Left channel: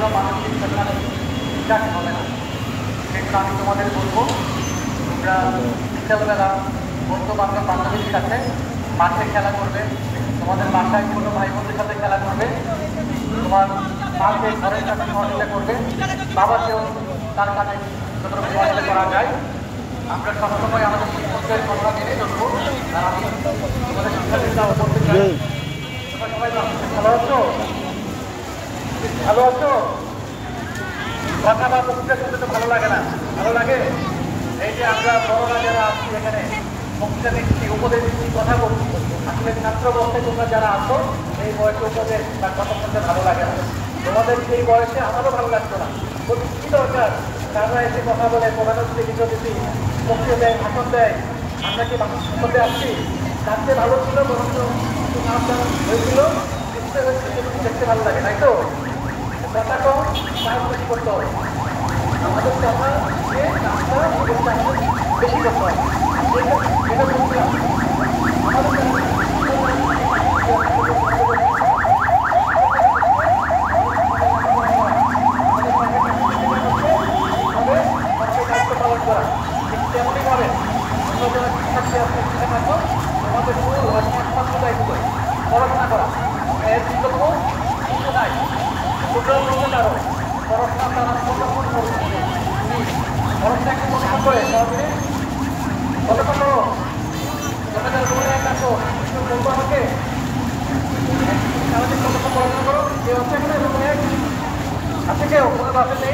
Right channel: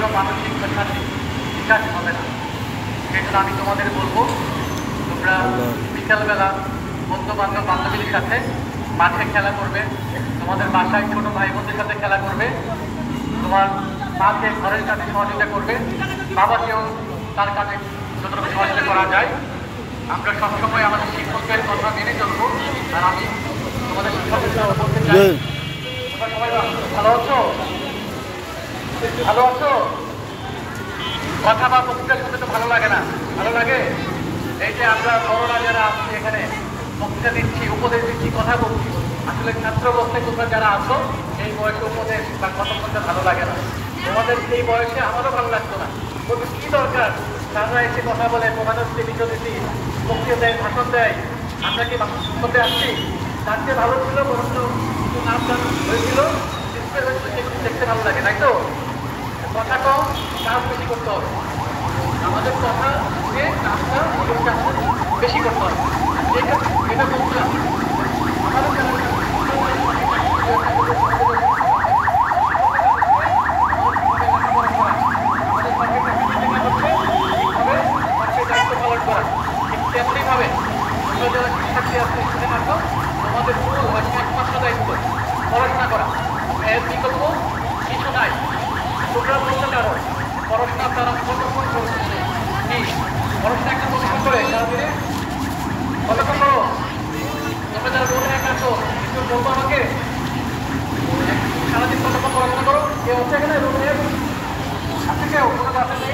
কোনো মানসিক বা শারীরিক বিকাশ হবে না। সেই জন্য আমি তোমাদের বলবো, তোমরা বিকালবেলা বন্ধু বান্ধব বান্ধবীর সাথে মাঠে খেলা করবে, তোমাদের বাসায় ছোটো ভাই বোনদের সাথে খেলা করবে, তোমার মাকে ঘরের কাছে সহযোগিতা করবে, বাবাকেও তার কাছে যতটুকু সহযোগিতা করা যায়। আমরা সবসময় আমাদের শিক্ষকদের কথা মেনে চলবো। আর আমি তোমাদের শিক্ষকদের বলতে চাই, সবাই ভালো আছো? ভালো আছো? কথা বা বক্তৃতার সাথে তো ভালো লাগে না, ভালো লাগে? এই যে আমরা বড়রা যারা আছি এখানে বক্তৃতা দিচ্ছি, উপদেশ দিচ্ছি, কথা বলছি, আসলে ছাত্র অবস্থায় তোমরা যারা আছো এই বয়সে উপদেশ বা কথা বলতে ভালো লাগে না। তোমাদের সেই বয়সে আমারও ভালো লাগতো না, বলতে কি দরকার তারা এসে কথা বলে, প্রধানমন্ত্রী বিদ্যাপতি বক্তৃতা দেয়, ভাষণ দেয়, আমরা কি ভাষণ করতে আসছি? তার চেয়ে ভালো ছিল বরঞ্চ নাম গান হয়েছিল, দেখতে ভালো লাগে, তাই তো? কথা কম, কাজ বেশি করতে হবে। আমাদের কথা দিয়ে কাজটা বেশি করতে হবে। এটা বলছিলাম আমাদের দায়িত্ব পালন করা, ঠিক তেমনইভাবে তোমরা যারা শিক্ষার্থী আছে সেখানে আসো, তোমাদের মূল একমাত্র দায়িত্ব পড়াশোনা করা, এর বিকল্প কিছু নাই। তোমরা বলতে পারো পড়াশোনা তারা কতক্ষণ করে, পড়াশোনা একটা কতক্ষণ করে তাহলে কতক্ষণ করো? তোমরা যারা রোডে এক আসো একটু বলবো আমাকে, সারাদিন কতক্ষণ পড়াশোনা করো? কেউ হচ্ছে এখানে রোডে আছে, কেউ কোনো কাছে নেই?